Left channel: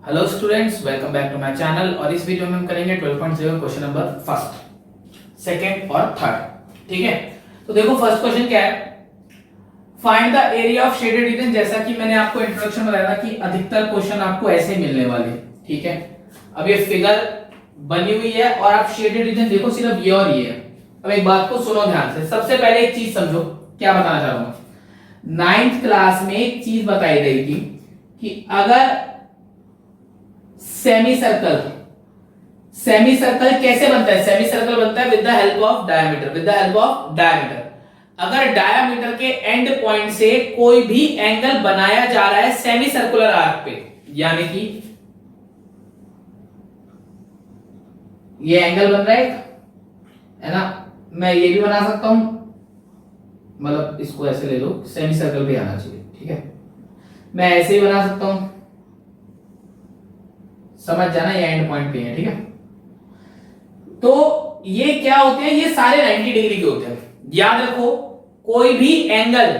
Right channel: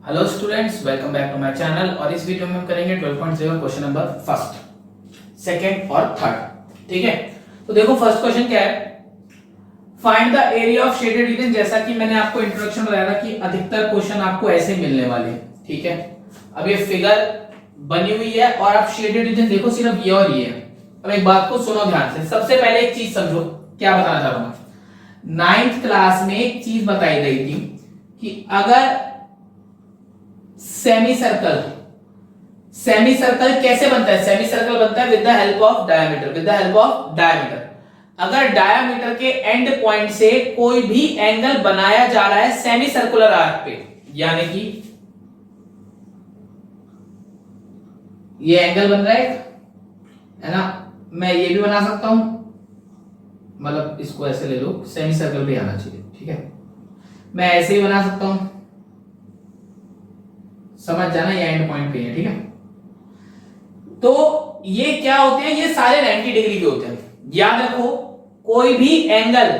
Hello students, welcome back to my channel. और इस video में हम करेंगे 12.0 क्वेश्चन नंबर फर्स्ट, सेकंड और थर्ड। ठीक है, तो देखो फर्स्ट क्वेश्चन क्या है, find the area of shaded region. जैसा कि मैंने आपको इंट्रोडक्शन में बताया था कि अधिकतर क्वेश्चन आपको ऐसे मिलने वाले। ठीक है, अब ये फिगर बनी हुई है और आप शेडेड रीजन देखो, सिर्फ ये और ये है। अब एक बात को सुनो ध्यान से, सबसे पहले एक चीज समझो, क्या बताना चाह रहा हूं। 9th क्लास में एक चीज बताई गई थी कि अगर सेमी सर्कल कैसे बनता है, सेमी सर्कल बनता है with the help of diameter. अगर डायमीटर के एंड पॉइंट से कोई भी एंगल बनाया जा रहा है सेमी सर्कुलर आर्क पे, यानी कि ये एंगल बन रहा है ना, मैं ये भी बना सकता हूं, मतलब इसको ऐसे ले लो, सेमी सर्कल भी आना चाहिए। ठीक है, मैं ऐसे ही बना सकता हूं, समझ जाना, ये एंड पॉइंट पे है। ठीक है, तो ये क्या होते हैं, ये सारे 90 डिग्री के होते हैं। याद रखो, कोई भी एंगल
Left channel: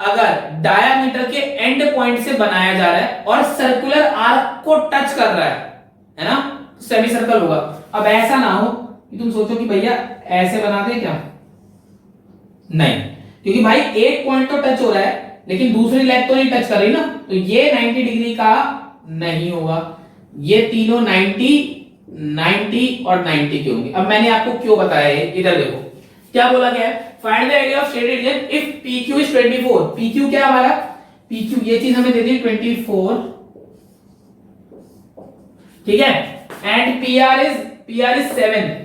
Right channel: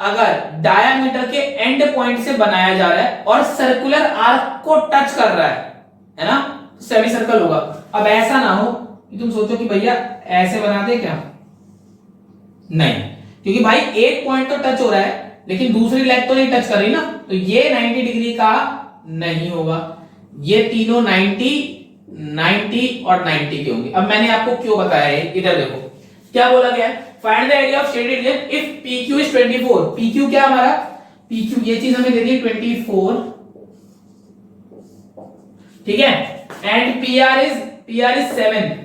अगर डायमीटर के एंड पॉइंट से बनाया जा रहा है और सर्कुलर आर्क को टच कर रहा है ना, सेमी सर्कल होगा। अब ऐसा ना हो कि तुम सोचो कि भैया ऐसे बना दे क्या, नहीं, क्योंकि भाई एक पॉइंट तो टच हो रहा है लेकिन दूसरी लेग तो नहीं टच कर रही ना, तो ये 90 डिग्री का नहीं होगा। ये तीनों 90, 90 और 90 के होंगे। अब मैंने आपको क्यों बताया है, इधर देखो क्या बोला गया है, find the area of shaded reason if PQ is 24। PQ क्या हमारा, PQ ये चीज हमें दे दी 24, ठीक है, एंड PR इज 7।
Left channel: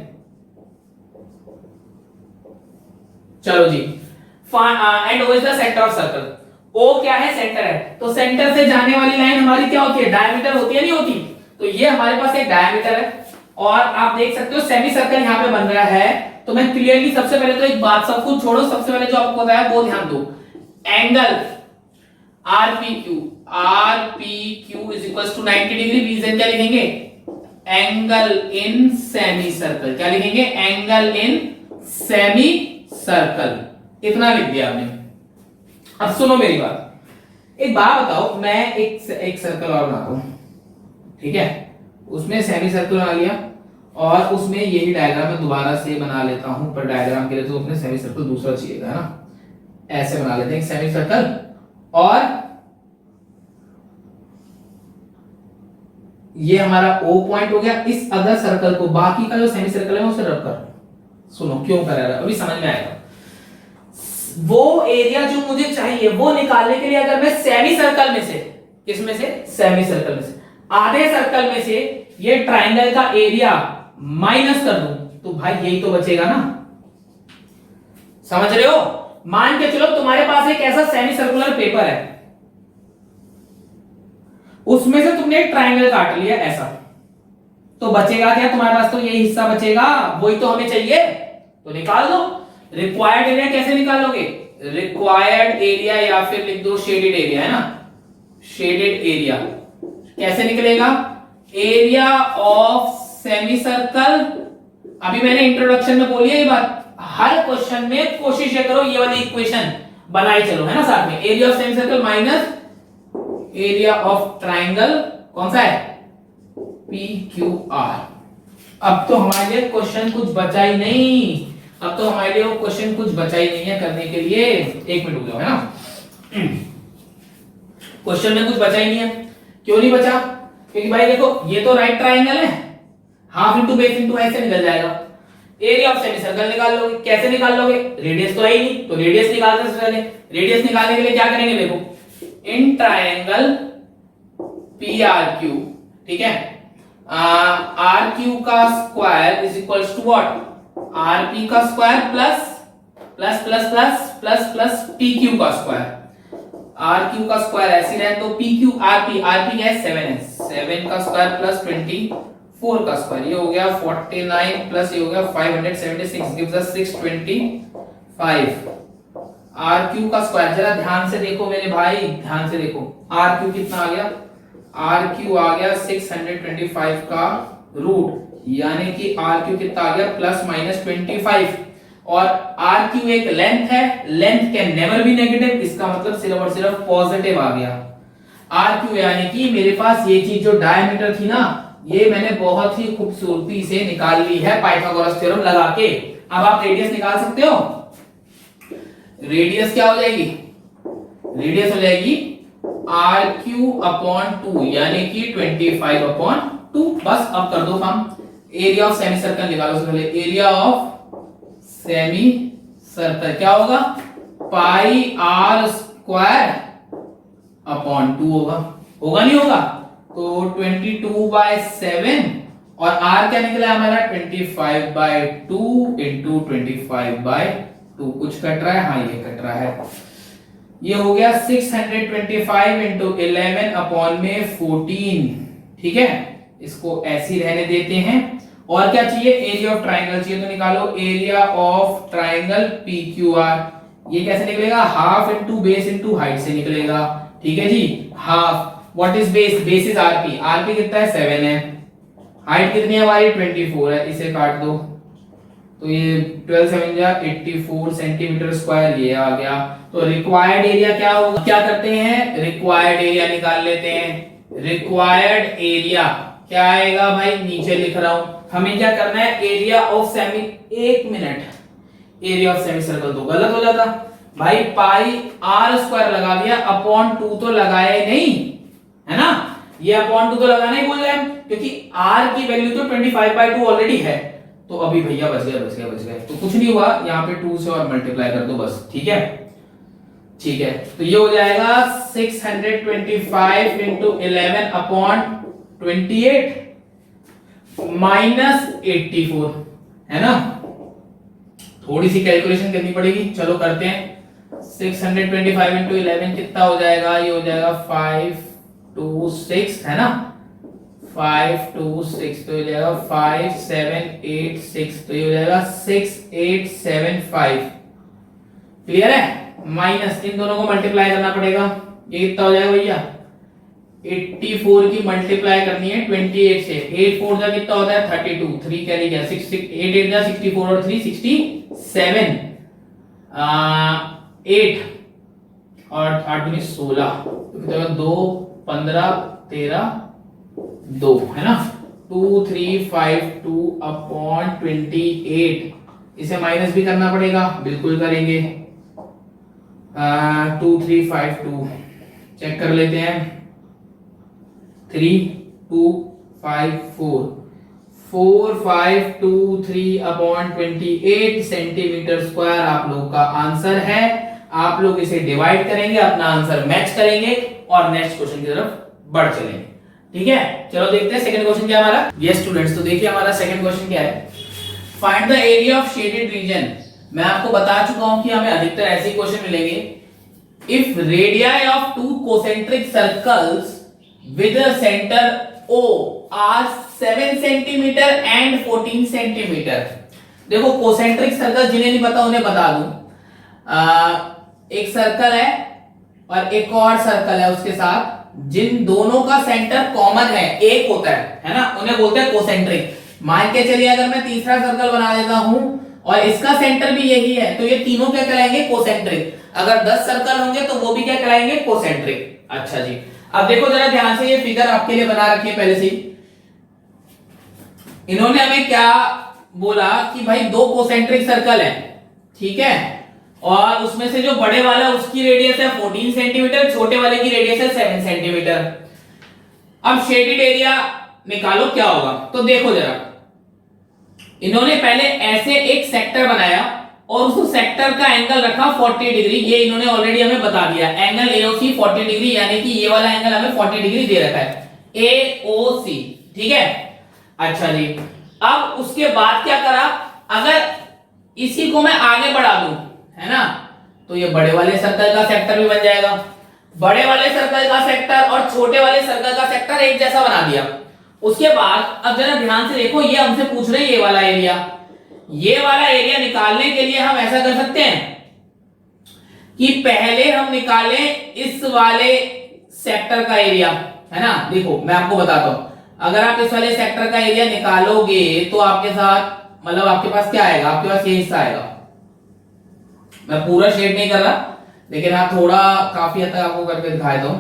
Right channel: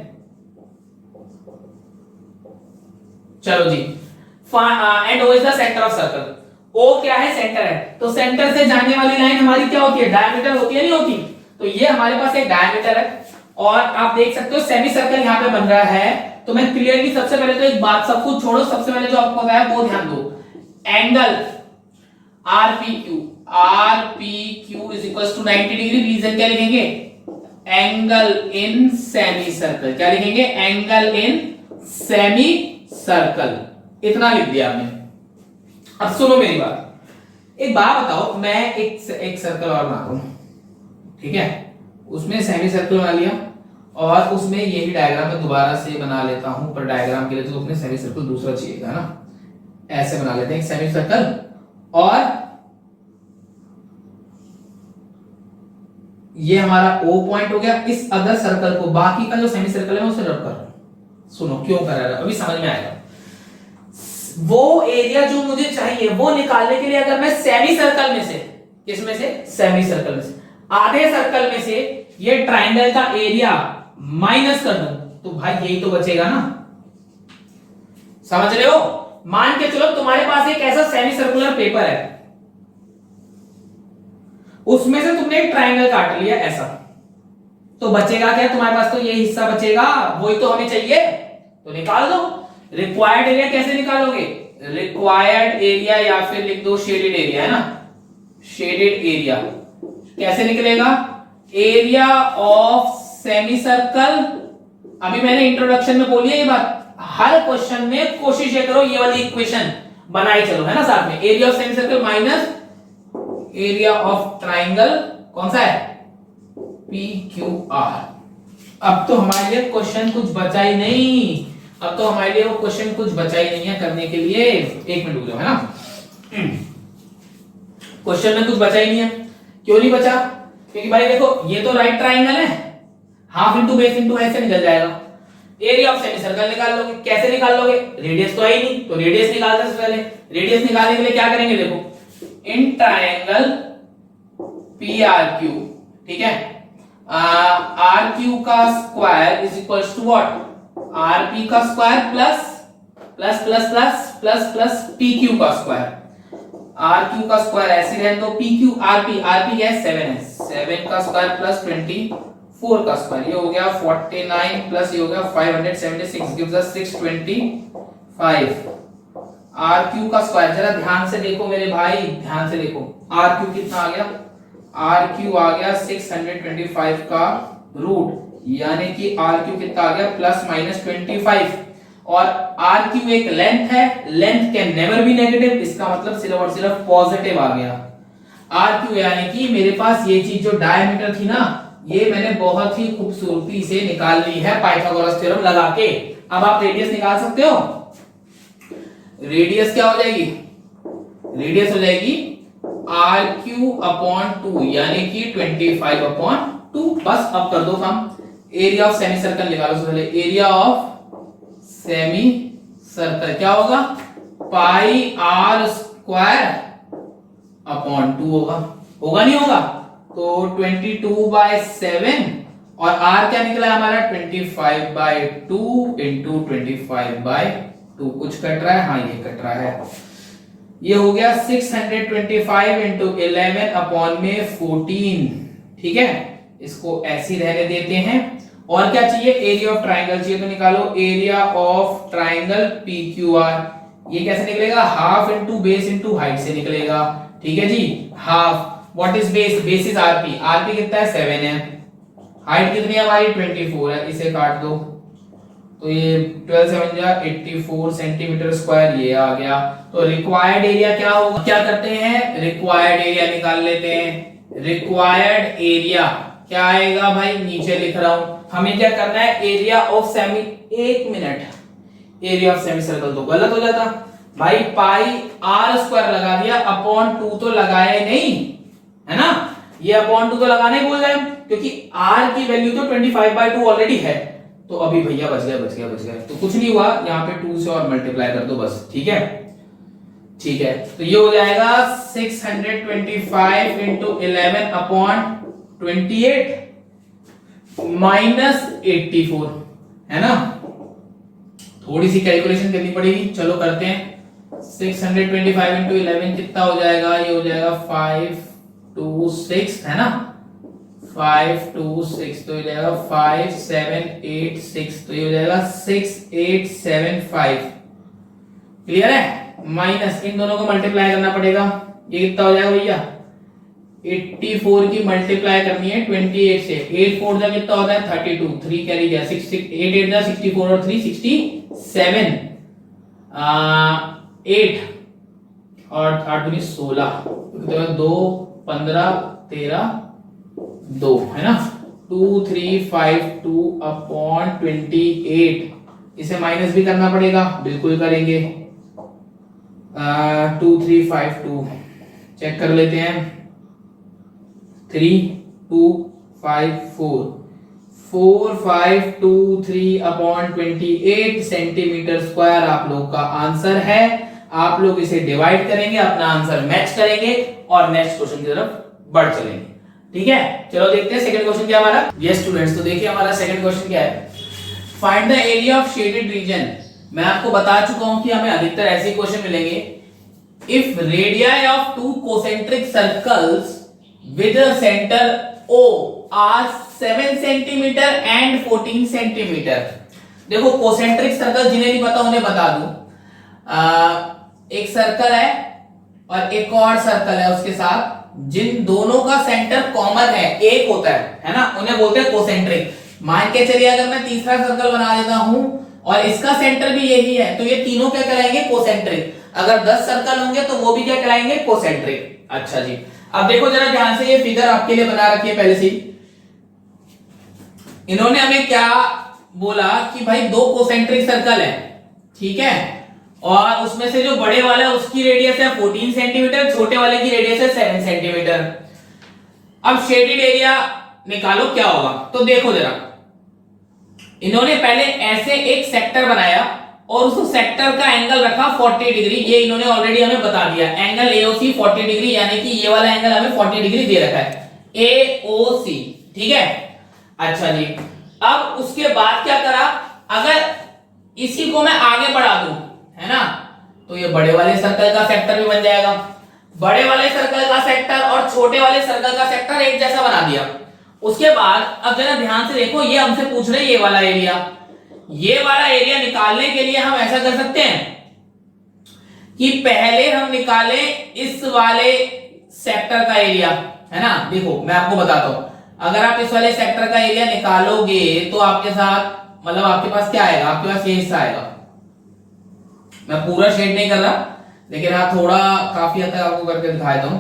चलो जी, and O is the centre of circle. O क्या है, सेंटर है, तो सेंटर से जाने वाली लाइन हमारी क्या होती है, डायमीटर होती है, नहीं होती। तो ये हमारे पास एक डायमीटर है और आप देख सकते हो सेमी सर्कल यहां पे बन रहा है। तो मैं क्लियरली सबसे पहले तो एक बात, सब कुछ छोड़ो, सबसे पहले जो आपको बताया वो ध्यान दो, angle RPQ is equal to 90 degree. Region क्या लिखेंगे, एंगल इन सेमी सर्कल। क्या लिखेंगे, एंगल इन सेमी सर्कल। इतना लिख दिया आपने। अब सुनो मेरी बात, एक बात बताओ, मैं एक सर्कल और बनाता हूं, ठीक है, उसमें सेमी सर्कल बना लिया और उसमें ये भी डायग्राम में दोबारा से बना लेता हूं, पर डायग्राम के लिए तो उसमें सेमी सर्कल दूसरा चाहिएगा ना। ऐसे बना लेते हैं एक सेमी सर्कल, और ये हमारा O पॉइंट हो गया। इस अदर सर्कल को, बाकी का जो सेमी सर्कल है उसे रब कर। सुनो क्यों कर रहा है, अभी समझ में आएगा। वो एरिया जो मुझे चाहिए वो निकालने के लिए अगर मैं सेमी सर्कल में से, किसमें से, सेमी सर्कल में से, आधे सर्कल में से ये ट्राइंगल का एरिया माइनस कर दूं, तो भाई यही तो बचेगा ना। समझ रहे हो, मान के चलो तुम्हारे पास एक ऐसा सेमी सर्कुलर पेपर है, उसमें से तुमने एक ट्राइंगल काट लिया ऐसा, तो बचेगा क्या तुम्हारे पास, तो ये हिस्सा बचेगा, वही तो हमें चाहिए, तो निकाल दो। रिक्वायर्ड एरिया कैसे निकालोगे, रिक्वायर्ड एरिया या फिर लिख दो शेडेड एरिया, है ना, शेडेड एरिया कैसे निकलेगा, एरिया ऑफ सेमी सर्कल। अभी मैंने इंट्रोडक्शन में बोली है ये बात, हर क्वेश्चन में कोशिश करो ये वाली इक्वेशन बनाई चलो, है ना, साथ में area of semi circle minus area of triangle, कौन सा है, PQR। अब तो हमारे लिए क्वेश्चन कुछ बचा ही नहीं, अब तो हमारे लिए वो क्वेश्चन कुछ बचा ही नहीं है करने के लिए। एक मिनट रुक जाओ, है ना, क्वेश्चन में कुछ बचा ही नहीं है। क्यों नहीं बचा, क्योंकि भाई देखो ये तो राइट ट्राइंगल है, हाफ इंटू बेस इंटू ऐसे निकल जाएगा। एरिया ऑफ सेमी सर्कल निकाल लोगे, कैसे निकाल लोगे, रेडियस तो है ही नहीं, तो रेडियस निकालने से पहले, रेडियस निकालने के लिए क्या करेंगे, देखो इन ट्राइंगल PRQ, ठीक है, RQ का square is equal to what, RP का square plus plus plus plus plus plus PQ का स्क्वायर। RQ का स्क्वायर ऐसे रहने तो PQ RP है 7 है, 7 का स्क्वायर प्लस 24 का स्क्वायर, ये हो गया 49 प्लस ये हो गया 576 गिव्स अस 625। RQ का स्क्वायर, जरा ध्यान से देखो मेरे भाई, ध्यान से देखो, RQ कितना आ गया, RQ आ गया 625 का रूट, यानी कि RQ कितना आ गया, प्लस माइनस 25। और RQ एक लेंथ है, length can never be negative, इसका मतलब सिर्फ और सिर्फ पॉजिटिव आ गया। आर क्यू यानी कि मेरे पास ये चीज जो डायमीटर थी ना, ये मैंने बहुत ही खूबसूरती से निकाल ली है पाइथागोरस थ्योरम लगा के। अब आप रेडियस निकाल सकते हो। रेडियस क्या हो जाएगी? रेडियस हो जाएगी आर क्यू अपॉन 2 यानी कि 25/2। बस अब कर दो काम। एरिया ऑफ सेमी सर्कल निकालो। सबसे पहले एरिया ऑफ सेमी सर्कल क्या होगा? पाई आर स्क्वायर अपॉन 2 होगा। होगा नहीं होगा? तो 22/7 और r क्या निकला हमारा? 25/2 इंटू 25/2। कुछ कट रहा है? हाँ ये कट रहा है। ये हो गया 625 इंटू 11 अपॉन में 14। ठीक है, इसको ऐसे ही रहने देते हैं। और क्या चाहिए? एरिया ऑफ ट्राइंगल चाहिए, तो निकालो area of triangle P Q R. ये कैसे निकलेगा? Half into base into height से निकलेगा। ठीक है जी, half. What is base? Base is RP. RP कितना है? 7 है। हाइट कितनी है हमारी? 24 है। इसे काट दो तो ये 12 7 जा 84 सेंटीमीटर स्क्वायर ये आ गया। तो रिक्वायर्ड एरिया क्या होगा? क्या करते हैं? रिक्वायर्ड एरिया निकाल लेते हैं। रिक्वायर्ड एरिया क्या आएगा भाई? नीचे लिख रहा हूं। हमें क्या करना है? Area of semi, 1 minute, area of semi circle तो गलत हो जाता भाई। पाई आर स्क्वायर लगा दिया, अपॉन 2 तो लगाए नहीं है ना। ये अपॉन 2 तो लगाना ही भूल गए, क्योंकि r की वैल्यू तो 25/2 ऑलरेडी है। तो अभी भैया बच गए। तो कुछ नहीं हुआ, यहाँ पे 2 से और मल्टीप्लाई कर दो बस। ठीक है, ठीक है। तो ये हो जाएगा 625 इंटू 11 अपॉन 28 माइनस 84 है ना। थोड़ी सी कैलकुलेशन करनी पड़ेगी, चलो करते हैं। 625 इंटू 11 कितना हो जाएगा? ये हो जाएगा 526 है ना। 526 तो ये जाएगा 5786, तो ये हो जाएगा 6875। क्लियर है? माइनस इन दोनों को मल्टीप्लाई करना पड़ेगा। ये कितना हो जाएगा भैया? 84 की मल्टीप्लाई करनी है 28 से। 8 4 जा कितना होता है? 32। 3 कैरी गया, 6 8 8 जा 64 और 3 67। 8 और 8 दूनी 16, तो 2 15 13 2 है ना। 2352 अपॉन 28। इसे माइनस भी करना पड़ेगा, बिल्कुल करेंगे। 2352 चेक कर लेते हैं। 3254 4523 अपॉन 28 सेंटीमीटर स्क्वायर आप लोग का आंसर है। आप लोग इसे डिवाइड करेंगे, अपना आंसर मैच करेंगे और नेक्स्ट क्वेश्चन की तरफ बढ़ चलेंगे। ठीक है, चलो देखते हैं सेकंड क्वेश्चन क्या है हमारा। यस स्टूडेंट्स, तो देखिए हमारा सेकंड क्वेश्चन क्या है। Find the area of shaded reason. मैं आपको बता चुका हूं कि हमें अधिकतर ऐसे क्वेश्चन मिलेंगे। If radii of two concentric circles with a centre O are 7 centimetre and 14 centimetre. देखो कोसेंट्रिक सर्कल जिन्हें नहीं पता उन्हें बता दूं। एक सर्कल है और एक और सर्कल है उसके साथ, जिन दोनों का सेंटर कॉमन है, एक होता है ना, उन्हें बोलते हैं कोसेंट्रिक। मान के चलिए अगर मैं तीसरा सर्कल बना देता हूं और इसका सेंटर भी यही है, तो ये तीनों क्या कहलाएंगे? कोसेंट्रिक। अगर 10 सर्कल होंगे तो वो भी क्या कहलाएंगे? कोसेंट्रिक। अच्छा जी, अब देखो जरा ध्यान से, ये फिगर आपके लिए बना रखी है पहले से। इन्होंने हमें क्या बोला कि भाई 2 कोसेंट्रिक सर्कल है, ठीक है, और उसमें से जो बड़े वाला है उसकी रेडियस है 14 सेंटीमीटर, छोटे वाले की रेडियस है 7 सेंटीमीटर। अब शेडेड एरिया निकालो क्या होगा। तो देखो जरा, इन्होंने पहले ऐसे एक सेक्टर बनाया और उस सेक्टर का एंगल रखा 40 डिग्री। ये इन्होंने ऑलरेडी हमें बता दिया, एंगल एओसी 40 डिग्री, यानी कि ये वाला एंगल हमें 40 डिग्री दे रखा है, एओसी। ठीक है, अच्छा जी। अब उसके बाद क्या करा, अगर इसी को मैं आगे बढ़ा दूं, है ना, तो ये बड़े वाले सर्कल का सेक्टर भी बन जाएगा। बड़े वाले सर्कल का सेक्टर और छोटे वाले सर्कल का सेक्टर एक जैसा बना दिया। उसके बाद अब जरा ध्यान से देखो, ये हमसे पूछ रहे ये वाला एरिया। ये वाला एरिया निकालने के लिए हम ऐसा कर सकते हैं कि पहले हम निकालें इस वाले सेक्टर का एरिया, है ना। देखो मैं आपको बताता हूं, अगर आप इस वाले सेक्टर का एरिया निकालोगे तो आपके साथ, मतलब आपके पास क्या आएगा, आपके पास ये हिस्सा आएगा। मैं पूरा शेड नहीं कर रहा, लेकिन हाँ थोड़ा काफी हद तक आपको करके दिखाया दूं।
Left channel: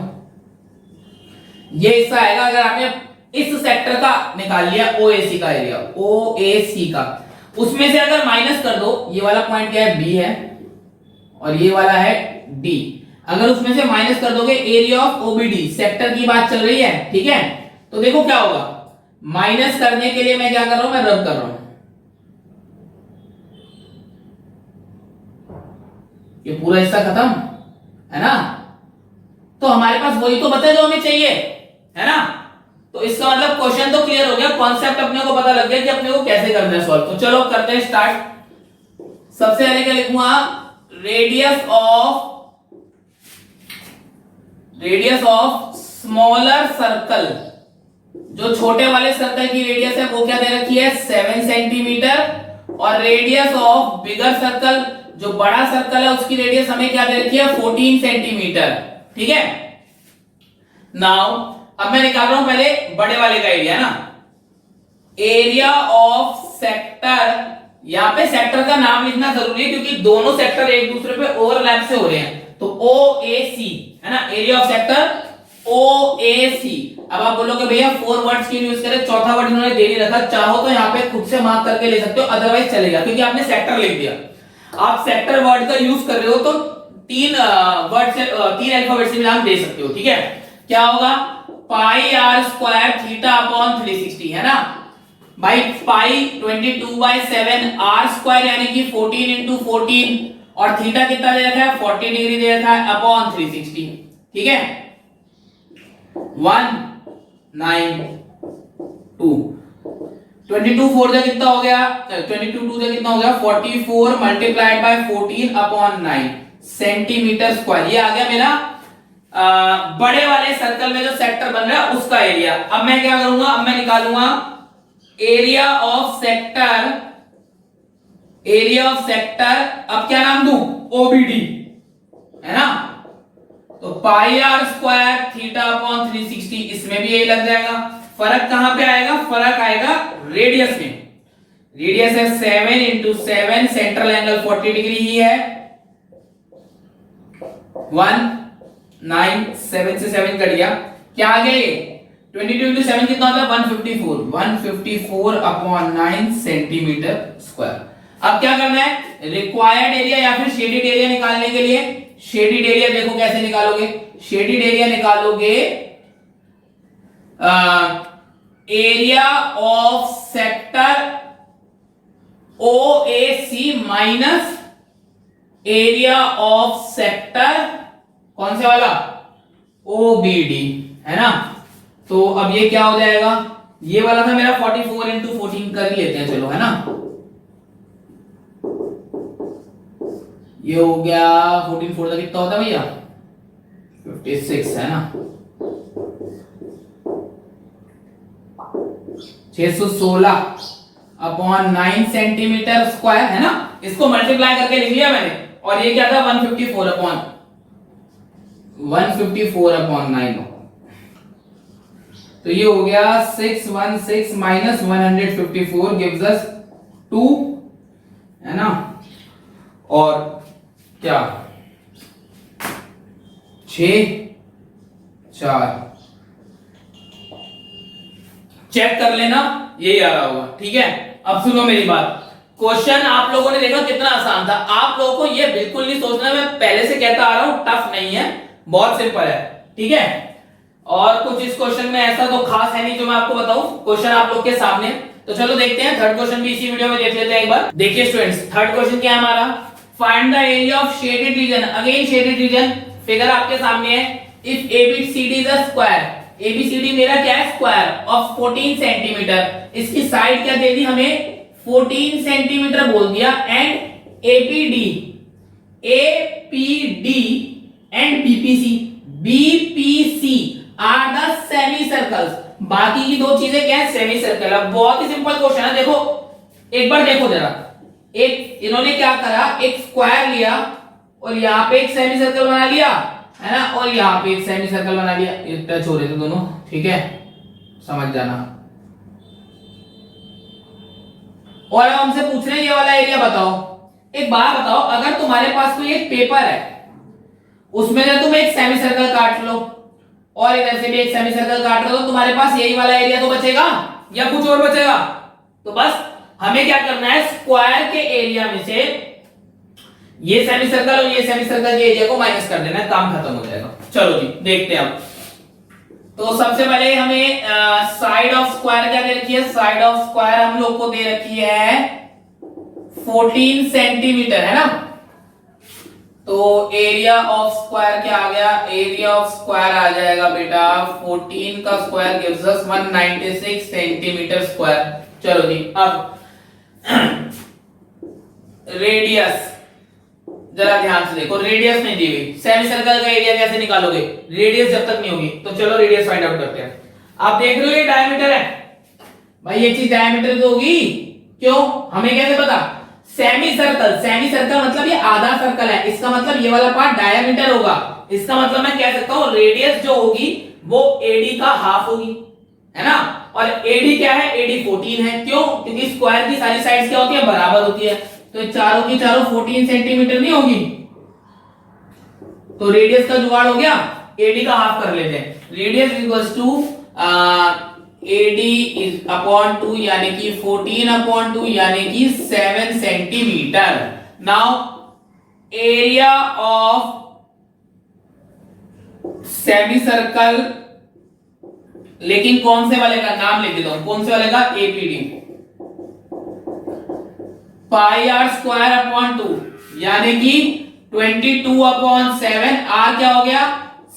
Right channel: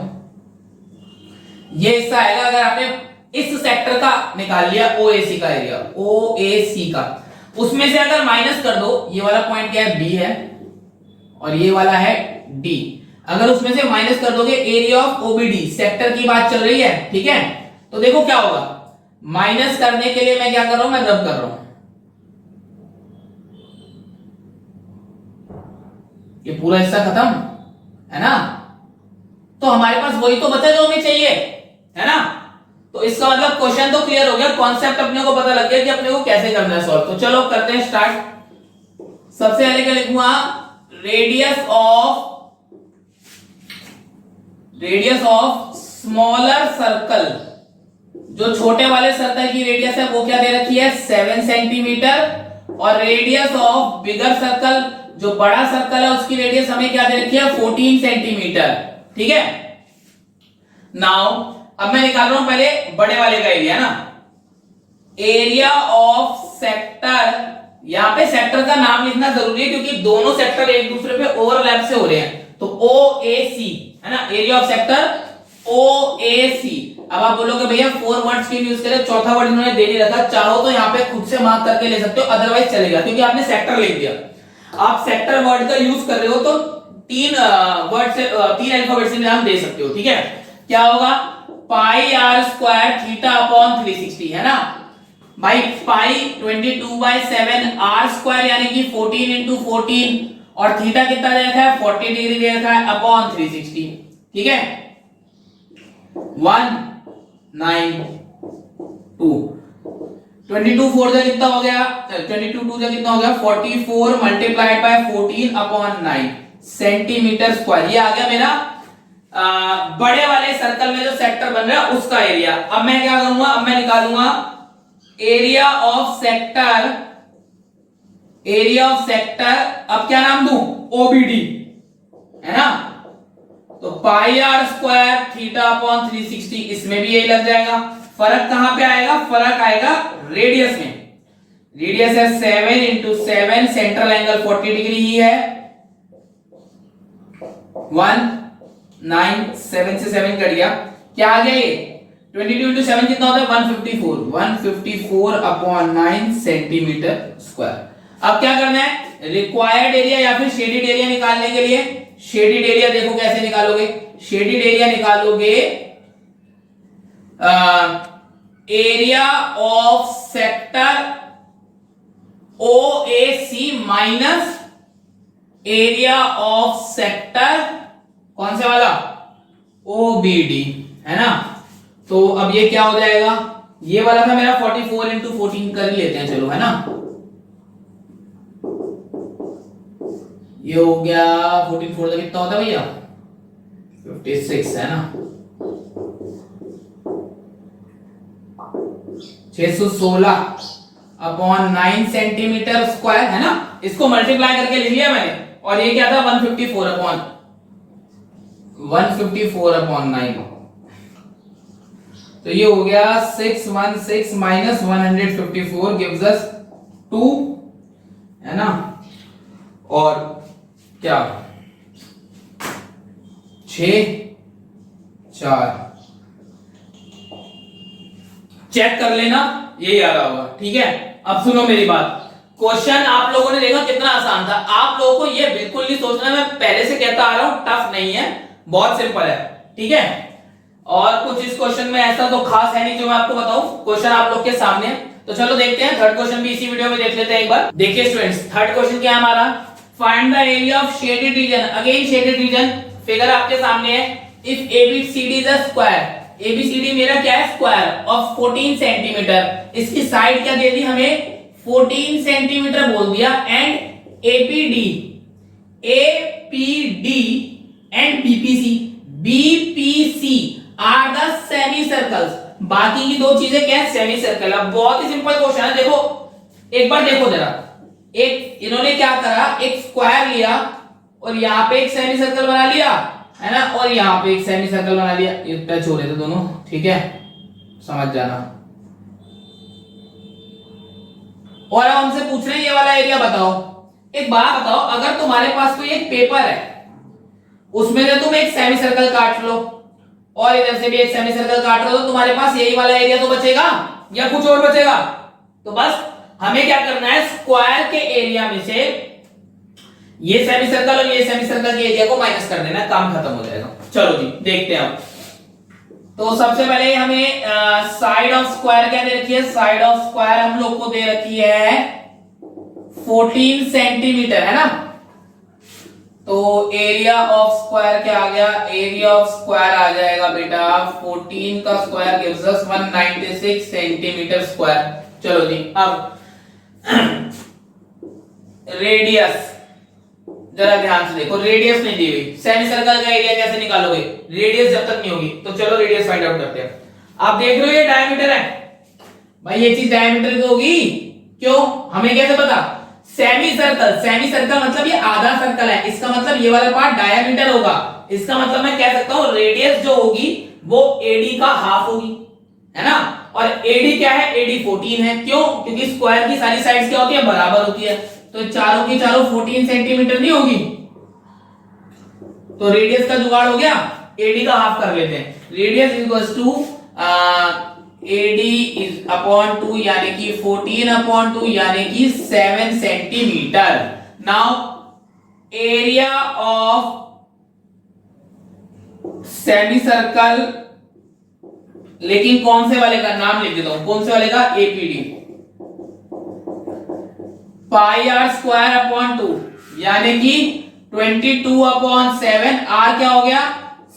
ये हिस्सा आएगा। अगर आपने इस सेक्टर का निकाल लिया ओएसी का एरिया, ओएसी का, उसमें से अगर माइनस कर दो, ये वाला पॉइंट क्या है, बी है, और ये वाला है डी, अगर उसमें से माइनस कर दोगे एरिया ऑफ ओबीडी, सेक्टर की बात चल रही है, ठीक है, तो देखो क्या होगा, माइनस करने के लिए मैं क्या कर रहा हूं, मैं रब कर रहा हूं, ये पूरा हिस्सा खत्म है ना, तो हमारे पास वही तो बचा जो हमें चाहिए, है ना। तो इसका मतलब क्वेश्चन तो क्लियर हो गया, कॉन्सेप्ट अपने को पता लग गया कि अपने को कैसे करना है सॉल्व। तो चलो करते हैं स्टार्ट। सबसे पहले क्या लिखूंगा, रेडियस ऑफ स्मॉलर सर्कल, जो छोटे वाले सर्कल की रेडियस है वो क्या दे रखी है, 7 सेंटीमीटर, और रेडियस ऑफ बिगर सर्कल, जो बड़ा सर्कल है उसकी रेडियस हमें क्या दे रखी है, 14 सेंटीमीटर, ठीक है। नाउ अब मैं निकाल रहा हूं पहले बड़े वाले का एरिया ना, एरिया ऑफ सेक्टर, यहां पे सेक्टर का नाम लिखना जरूरी है क्योंकि दोनों सेक्टर एक दूसरे पे ओवरलैप से हो रहे हैं, तो OAC है ना, एरिया ऑफ सेक्टर OAC। अब आप बोलोगे भैया 4 वर्ड्स क्यों यूज करें, चौथा वर्ड इन्होंने दे नहीं रखा, चाहो तो यहाँ पे खुद से मार्क करके ले सकते हो, अदरवाइज चलेगा क्योंकि आपने सेक्टर लिख दिया। आप सेक्टर वर्ड का यूज कर रहे हो तो 3 वर्ड से 3 अल्फाबेट से भी आप दे सकते हो, ठीक है। क्या होगा, पाई आर स्क्वायर थीटा अपॉन 360, है ना भाई, पाई 22/7 आर स्क्वायर यानी कि 14 इंटू 14, और थीटा कितना दे रखा है, 40 डिग्री दे रखा है, अपॉन 360, ठीक है। 192 22 4 से कितना हो गया, 22 2 से कितना हो गया, 44 multiplied by 14 upon 9 centimetre square. ये आ गया मेरा बड़े वाले सर्कल में जो सेक्टर बन रहा है उसका एरिया। अब मैं क्या करूंगा, अब मैं निकालूंगा area of sector, area of sector, अब क्या नाम दूं, ओबीडी, है ना, तो पाई आर स्क्वायर थीटा अपॉन 360, इसमें भी यही लग जाएगा। फर्क कहां पे आएगा, फर्क आएगा रेडियस में, रेडियस है 7 इंटू 7, सेंट्रल एंगल 40 डिग्री ही है, 197 से 7 कट गया, क्या आ गया ये 22 इंटू 7 कितना होता है, 154, 154 अपॉन 9 सेंटीमीटर स्क्वायर। अब क्या करना है, रिक्वायर्ड एरिया या फिर शेडेड एरिया निकालने के लिए, शेडेड एरिया देखो कैसे निकालोगे, शेडेड एरिया निकालोगे, area of sector OAC minus area of sector कौन से वाला, OBD, है ना। तो अब ये क्या हो जाएगा, ये वाला था मेरा 44 इंटू 14 कर ही लेते हैं, चलो, है ना, ये हो गया 14 4 कितना होता है भैया, 56, है ना, 616 अपॉन 9 सेंटीमीटर स्क्वायर, है ना, इसको मल्टीप्लाई करके लिख लिया मैंने, और ये क्या था 154 अपॉन 9, तो ये हो गया 616 माइनस 154 गिव्स अस 2, है ना, और क्या 6 4, चेक कर लेना, यही आ रहा होगा, ठीक है। अब सुनो मेरी बात, क्वेश्चन आप लोगों ने देखा कितना आसान था, आप लोगों को ये बिल्कुल नहीं सोचना, मैं पहले से कहता आ रहा हूं, टफ नहीं है, बहुत सिंपल है, ठीक है। और कुछ इस क्वेश्चन में ऐसा तो खास है नहीं जो मैं आपको बताऊं, क्वेश्चन आप लोग के सामने। तो चलो देखते हैं, थर्ड क्वेश्चन भी इसी वीडियो में देख लेते हैं एक बार। देखिए स्टूडेंट्स, थर्ड क्वेश्चन क्या है हमारा, find the area of shaded region, again shaded region, figure आपके सामने है, if ABCD is a square, ABCD मेरा क्या है, स्क्वायर ऑफ 14 सेंटीमीटर, इसकी साइड क्या दे दी हमें, 14 सेंटीमीटर बोल दिया, and APD and BPC are the semi circles, बाकी की दो चीजें क्या है, सेमी सर्कल। अब बहुत ही सिंपल क्वेश्चन है, देखो एक बार देखो जरा, एक इन्होंने क्या करा, एक स्क्वायर लिया और यहां पे एक सेमी सर्कल बना लिया, है ना, और यहां पे एक सेमी सर्कल बना लिया, ये टच हो रहे थे दोनों, ठीक है, समझ जाना। और अब हमसे पूछ रहे हैं ये वाला एरिया बताओ। एक बात बताओ, अगर तुम्हारे पास कोई एक पेपर है, उसमें से तुम एक सेमी सर्कल काट लो, और इधर से भी एक सेमी सर्कल काट रहे हो तो तुम्हारे पास यही वाला एरिया तो बचेगा या कुछ और बचेगा। तो बस हमें क्या करना है, स्क्वायर के एरिया में से ये सेमी सर्कल और ये सेमी सर्कल के एरिया को माइनस कर देना, काम खत्म हो जाएगा। चलो जी देखते हैं अब। तो सबसे पहले हमें साइड ऑफ स्क्वायर क्या दे रखी है, साइड ऑफ स्क्वायर हम लोग को दे रखी है 14 सेंटीमीटर, है ना। तो एरिया ऑफ स्क्वायर क्या आ गया, एरिया ऑफ स्क्वायर आ जाएगा बेटा 14 का square gives us 196 centimetre square. चलो जी अब रेडियस जरा ध्यान से देखो, रेडियस नहीं दी हुई, सेमी सर्कल का एरिया कैसे निकालोगे, रेडियस जब तक नहीं होगी। तो चलो रेडियस फाइंड आउट करते हैं। आप देख रहे हो ये डायमीटर है भाई, ये चीज डायमीटर तो होगी, क्यों, हमें कैसे पता, सेमी सर्कल, सेमी सर्कल मतलब ये आधा सर्कल है, इसका मतलब ये वाला पार्ट डायमीटर होगा, इसका मतलब मैं कह सकता हूं रेडियस जो होगी वो एडी का हाफ होगी, है ना। और एडी क्या है, एडी 14 है, क्यों, क्योंकि स्क्वायर की सारी साइड्स क्या होती है, बराबर होती है, तो चारों की चारों 14 सेंटीमीटर नहीं होगी, तो रेडियस का जुगाड़ हो गया, एडी का हाफ कर लेते हैं। Radius equals to AD is upon 2 यानी कि 14/2 यानी कि 7 centimetre. Now area of semi circle, लेकिन कौन से वाले का नाम लिख देता हूं, कौन से वाले का, APD, pi r square upon 2 यानी कि 22/7, आर क्या हो गया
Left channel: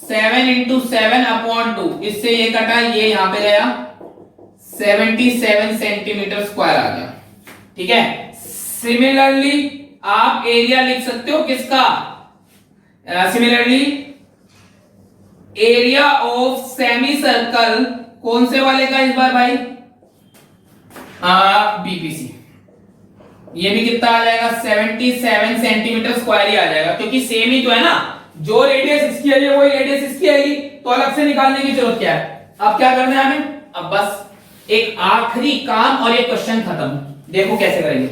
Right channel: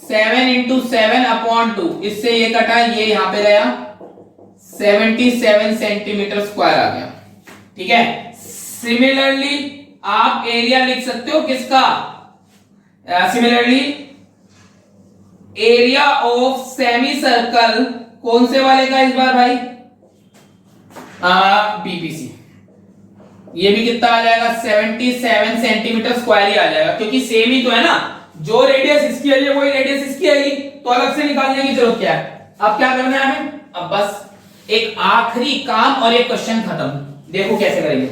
7 × 7/2, इससे ये कटा, ये यहां पे गया 77 सेंटीमीटर स्क्वायर आ गया, ठीक है। सिमिलरली आप एरिया लिख सकते हो किसका, similarly area of semi circle, कौन से वाले का इस बार भाई, बीपीसी, ये भी कितना आ जाएगा 77 सेंटीमीटर स्क्वायर ही आ जाएगा, क्योंकि सेम ही तो है ना, जो रेडियस इसकी है वही रेडियस इसकी आएगी, तो अलग से निकालने की जरूरत क्या है। अब क्या करना है हमें, अब बस एक आखिरी काम और एक क्वेश्चन खत्म। देखो कैसे करेंगे,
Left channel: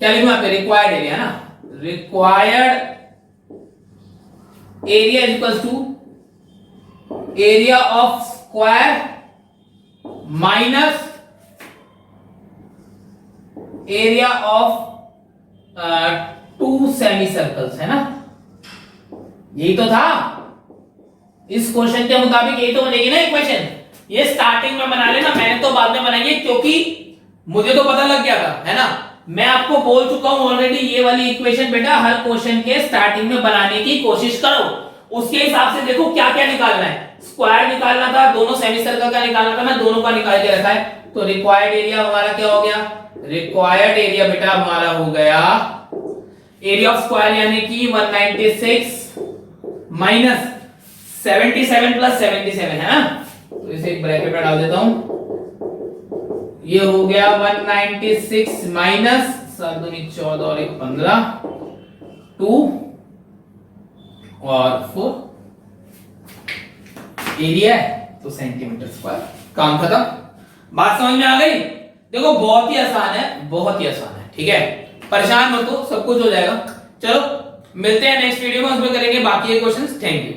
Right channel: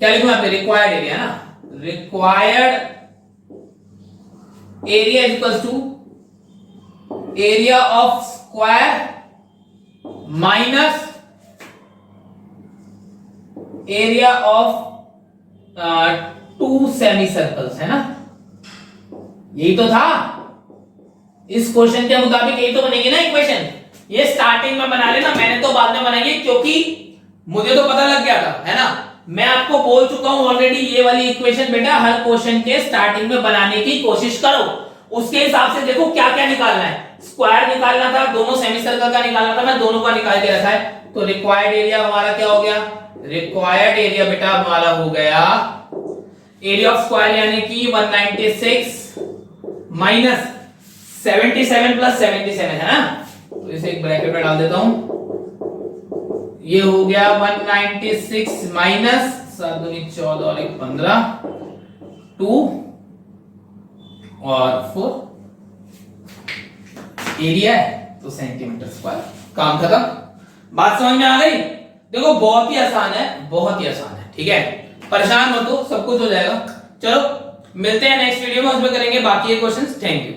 क्या लिखूं यहाँ पे, रिक्वायर्ड एरिया ना, required area is equals to area of square minus area of 2 semi circles, है ना, यही तो था, इस क्वेश्चन के मुताबिक यही तो बनेगी ना इक्वेशन। ये स्टार्टिंग में बना लेना, मैंने तो बाद में बनाई, क्योंकि मुझे तो पता लग गया था, है ना, मैं आपको बोल चुका हूं ऑलरेडी, ये वाली इक्वेशन बेटा हर क्वेश्चन के स्टार्टिंग में बनाने की कोशिश करो, उसके हिसाब से देखो क्या क्या निकालना है, स्क्वायर निकालना था, दोनों सेमी सर्कल का निकालना था, मैं दोनों का निकाल के रखा है। तो रिक्वायर्ड एरिया हमारा क्या हो गया, रिक्वायर्ड एरिया बेटा हमारा हो गया एरिया ऑफ स्क्वायर यानी कि 196 माइनस 77 प्लस 77, है ना, तो इसे एक ब्रैकेट में डाल देता हूं, ये हो गया 196 माइनस 7 दूनी 14 और 1 15, 2 और 4 एरिया है तो सेंटीमीटर स्क्वायर, काम खत्म। बात समझ में आ गई, देखो बहुत ही आसान है, बहुत ही आसान है, ठीक है, परेशान मत हो, सब कुछ हो जाएगा। चलो मिलते हैं नेक्स्ट वीडियो में, उसमें करेंगे बाकी के क्वेश्चंस। Thank you.